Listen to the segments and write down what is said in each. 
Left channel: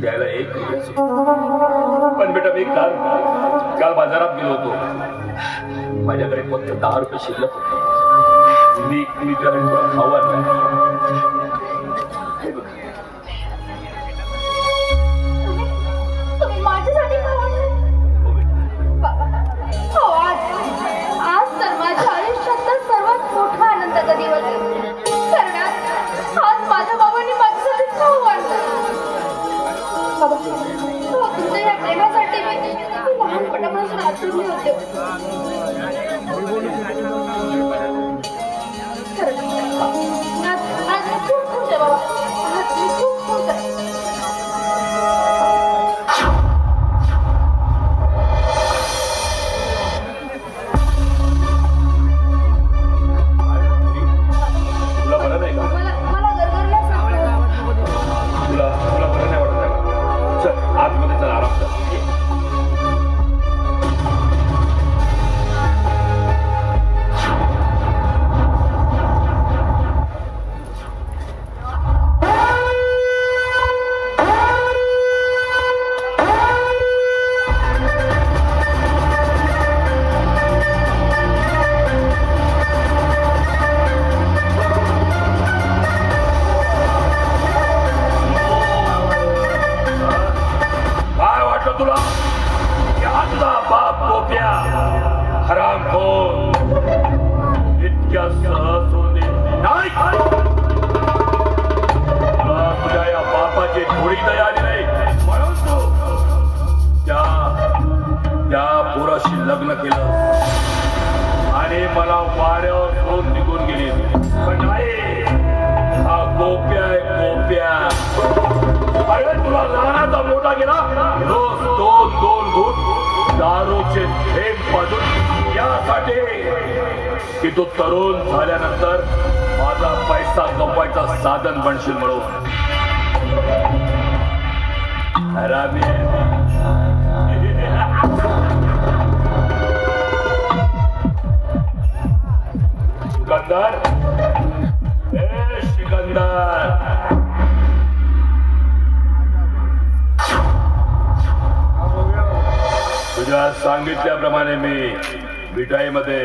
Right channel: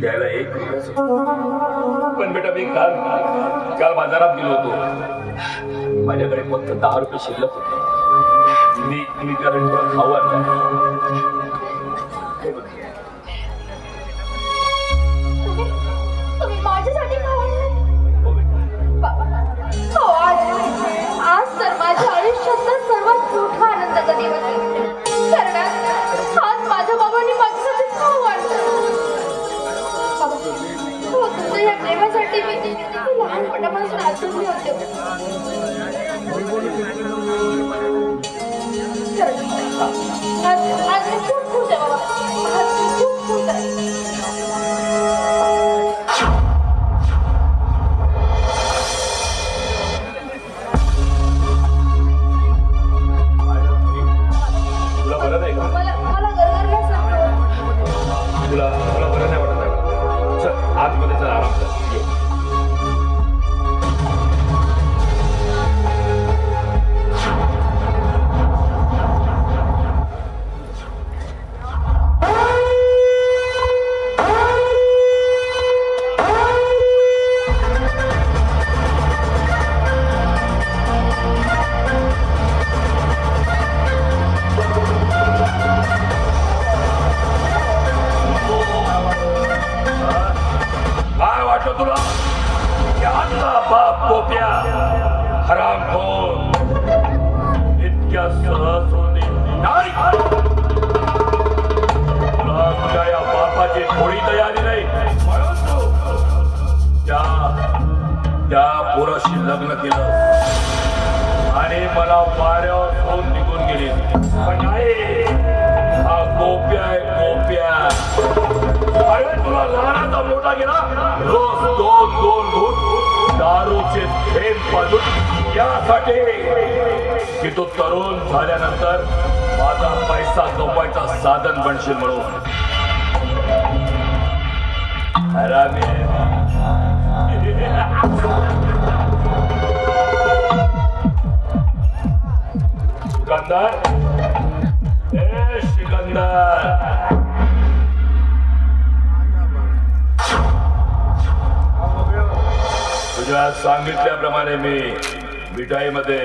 द्यायला एक पण बेटा मी काल बाजारात गेलो होतो. माझ्याकडे फक्त 10 रुपये शिल्लक होते. मी कारण खावा नाही. तुम्ही माझ्यासाठी खावा नाही? आज तर माझ्या आयुष्यातला सर्वात मोठा आनंदाचा दिवस आहे. कारण आज माझ्या बाबांनी माझ्यासाठी खाऊ वाढलं. तुमच्या या प्रेमासाठी लहानपणापासून आतून होते. आज मी खूप खुश आहे बाबा. आज मी खूप खुश आहे. तुला बरं नाही का? मला गरगरल्यासारखं तुला बरं नाही वाटत आहे? चल आतमध्ये चल, आराम कर. ये. काय वाटलं तुला? यातला बाप गोप्या हरामखोर इतक्या सहज होऊन नाही. तुला तुझ्या या बापाची थोडी दया आली नाही म्हणून तू त्या पोराशी लग्न केलं आणि मला वाऱ्यावर फोन निघून गेली. पण नाही, हा गोप्या आहे गोप्या. अरे तुला लहानाचा मोठा गेला. रोज दोन घूट दारूचे थेंब पाजून यासाठी की तो तरुण झाल्यानंतर माझा पैसा कमवायचा साधन बनशील म्हणून. हरामी आहे. सिकंदर, ए सिकंदर, तुझ्या सांगितल्याप्रमाणे मी मिठाईमध्ये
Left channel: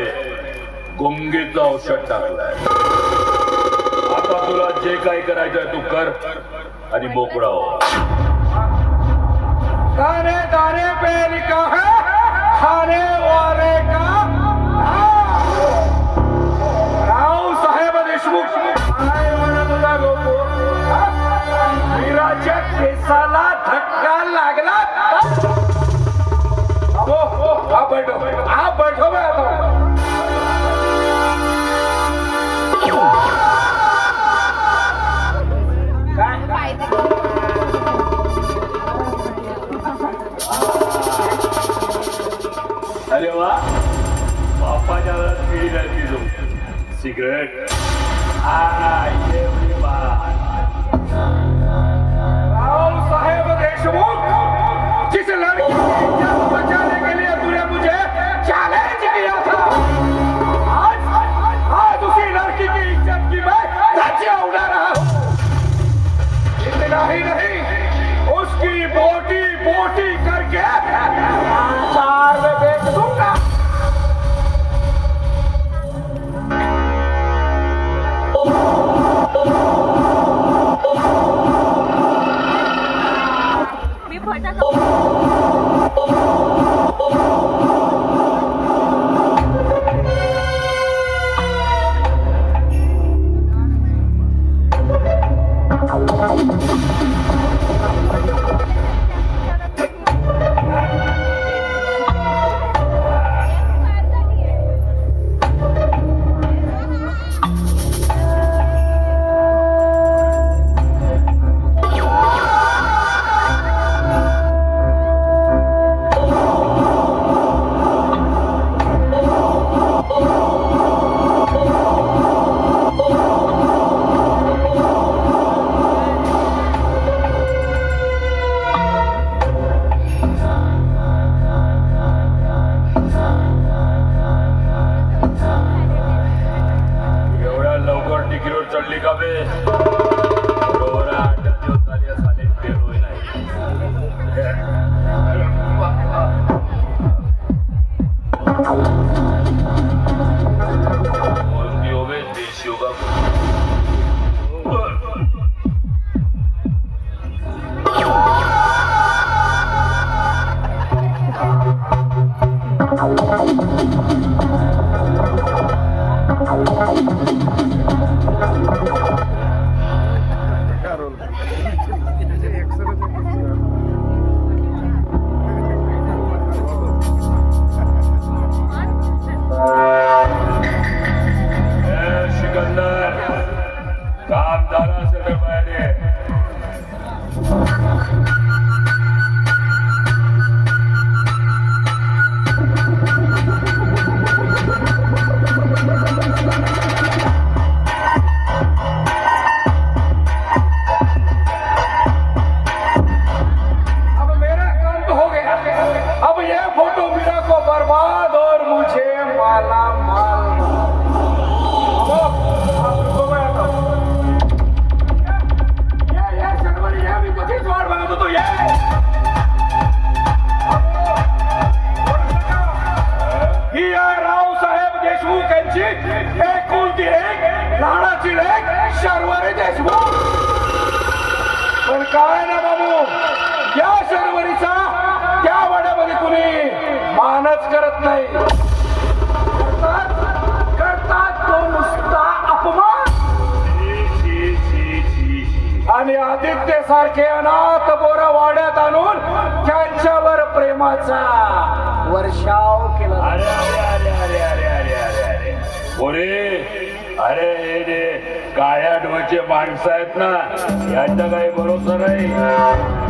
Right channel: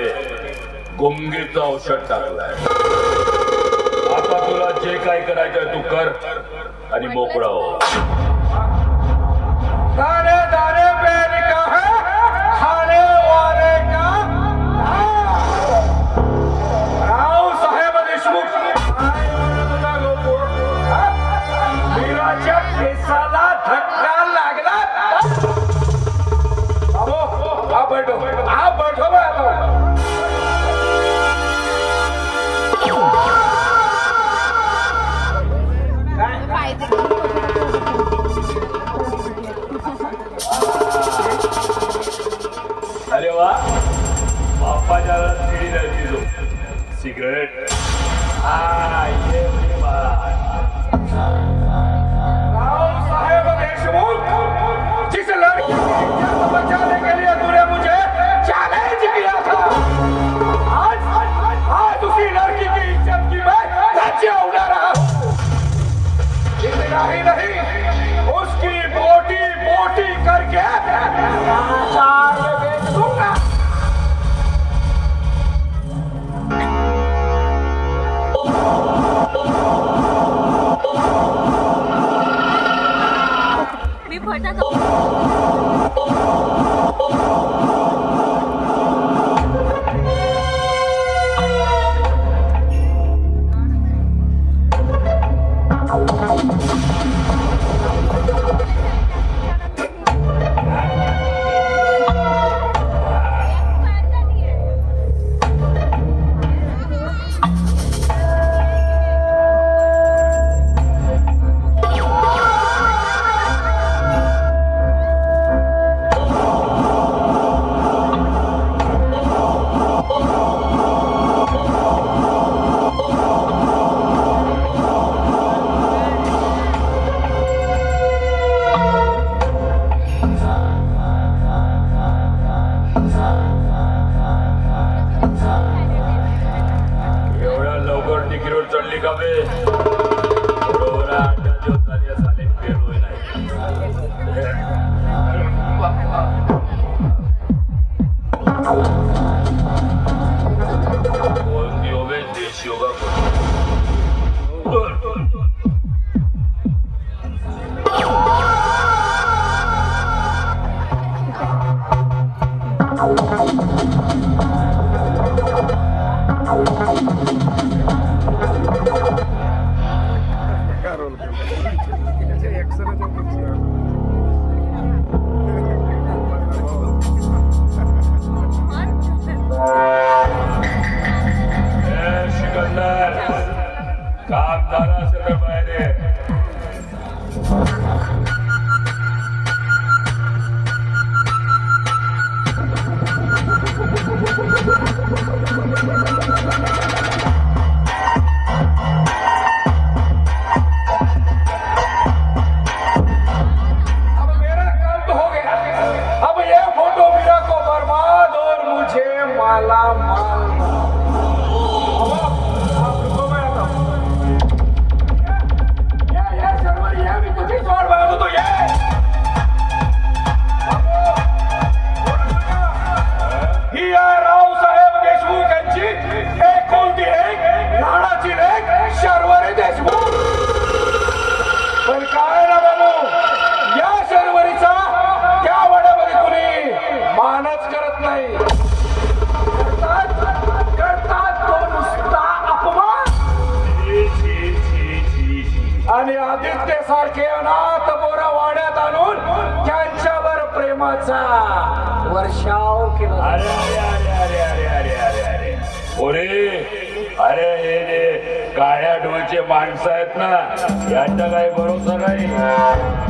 गुंगीचं औषध टाकलंय. आता तुला जे काय करायचंय तू कर आणि मोकळं हो. दाने दाने पे लिखा है खाने वाले का राव साहेब देशमुख. मीराच्या केसाला धक्का लागला. आप बैठो मैं तो. अरे वा, बापाच्या केळी जायची तू. सिगरेट राव साहेब देशमुख, जिस लड़की की इज्जत बचाने के लिए तूने मुझे चैलेंज किया था, आज उसी लड़की की इज्जत की मैं धज्जियां उड़ा रहा हूं. इतना ही नहीं, उसकी बोटी बोटी करके बाजार में बेच दूंगा. मी फटक पण काय ना बाबू, या शर्वरीचा त्या वाड्यामध्ये कुणी मानच करत नाही. करतात तो नुसता अपमान. आणि आदित्य सारखे अनाथ बोर वाड्यात आणून त्यांच्यावर प्रेमाचा वर्षाव केला. अरे अरे अरे अरे अरे अरे अरे बोरे, अरे हे जे काळ्या डोळ्याचे माणसं आहेत ना, यांचा काही भरोसा नाही.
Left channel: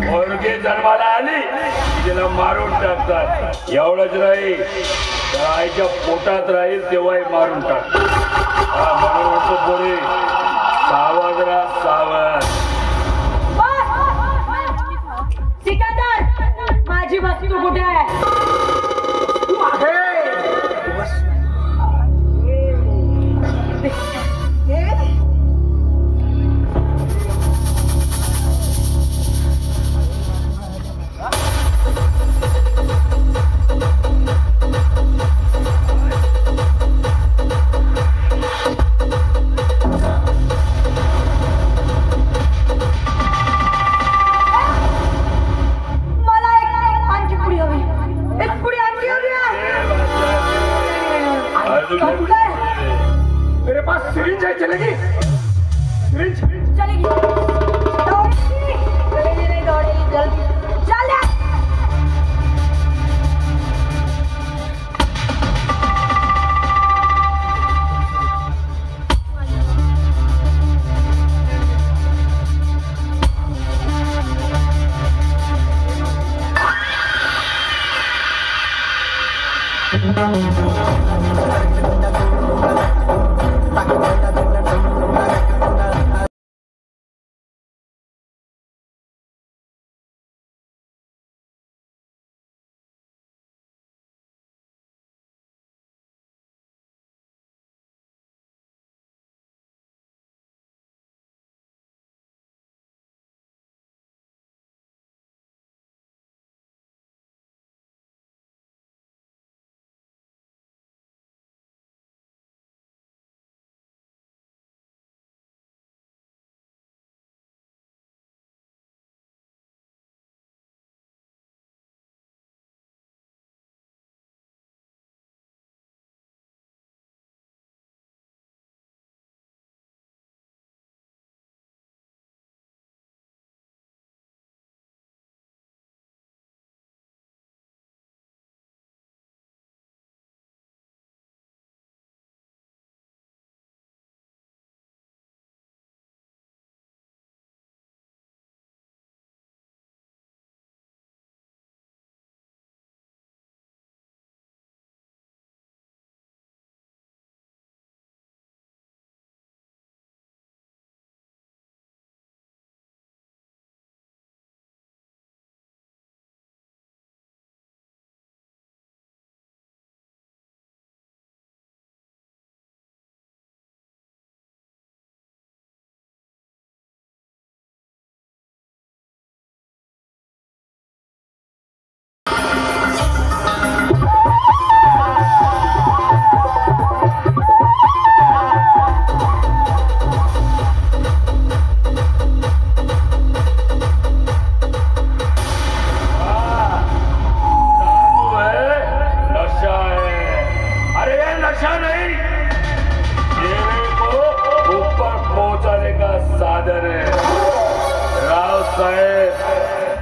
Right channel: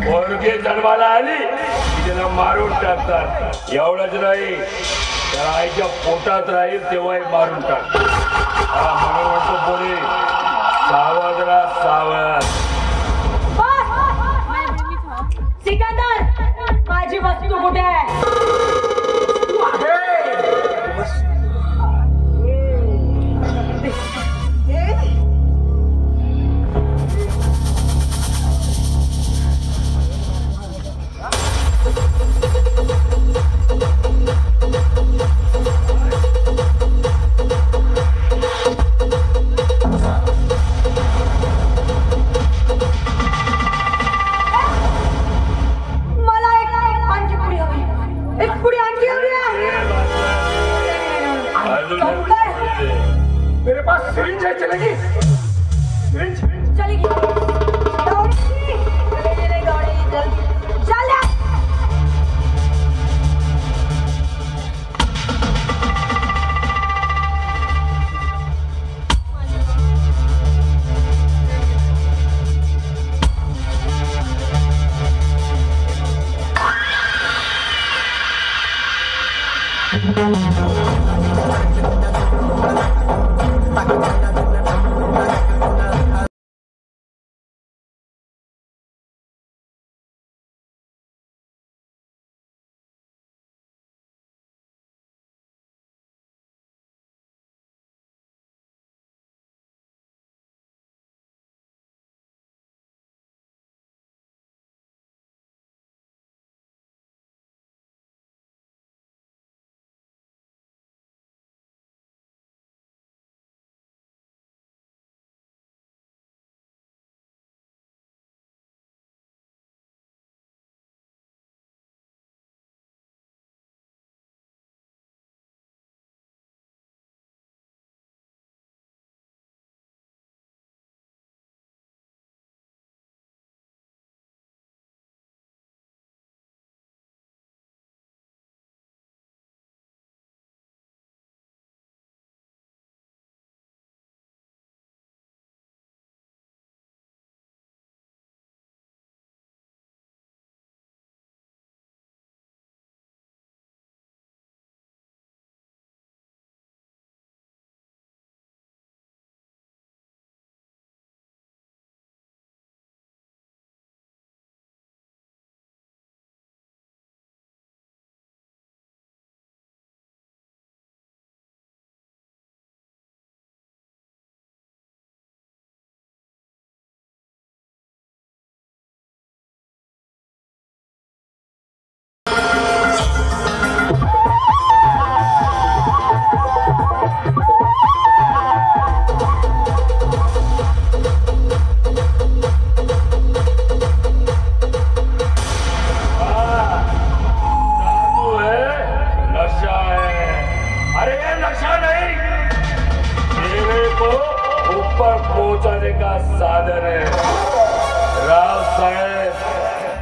पोरगी जन्माला आली तिला मारून टाकतात. एवढंच नाही तर आईच्या पोटात राहील तेव्हाही मारून टाकतात. म्हणून म्हणतो पोरे, सावध राहा, सावध. सिकंदर, माझी वस्तू कुठे आहे? मेरे पास सिरिंज है, चलेगी? सिरिंज चलेगी.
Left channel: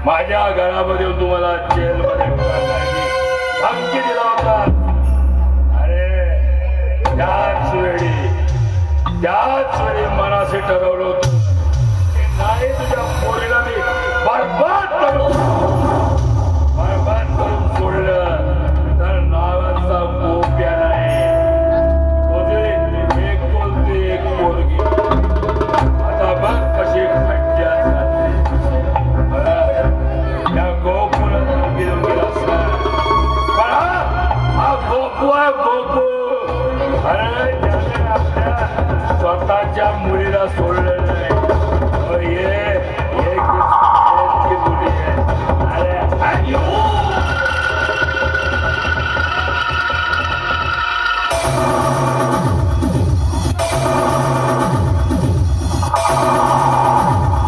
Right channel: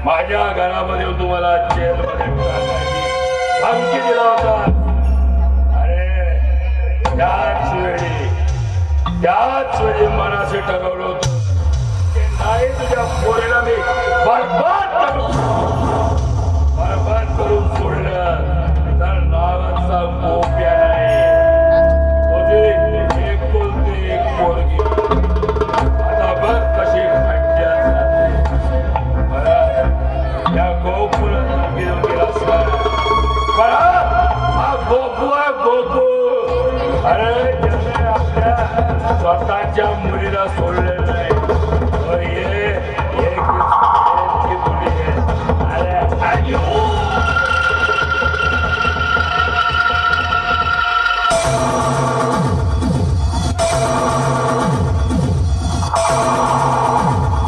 माझ्या घरामध्ये तुम्हाला जेलमध्ये धमकी दिला होता. अरे त्याच वेळी मनाशी ठरवलं होतं की नाही, तुझ्या पोरीला मी बरबाद करून सोडलं तर नावाचा गोप्या नाही. एक बोलते एक पोरगी. आता बघ कशी खड्ड्यात जाते. या गोपूला घेऊन गेला पण हा गोपू आहे गोपू. अरे त्याने आपल्या स्वतःच्या मुलीला सोडलं.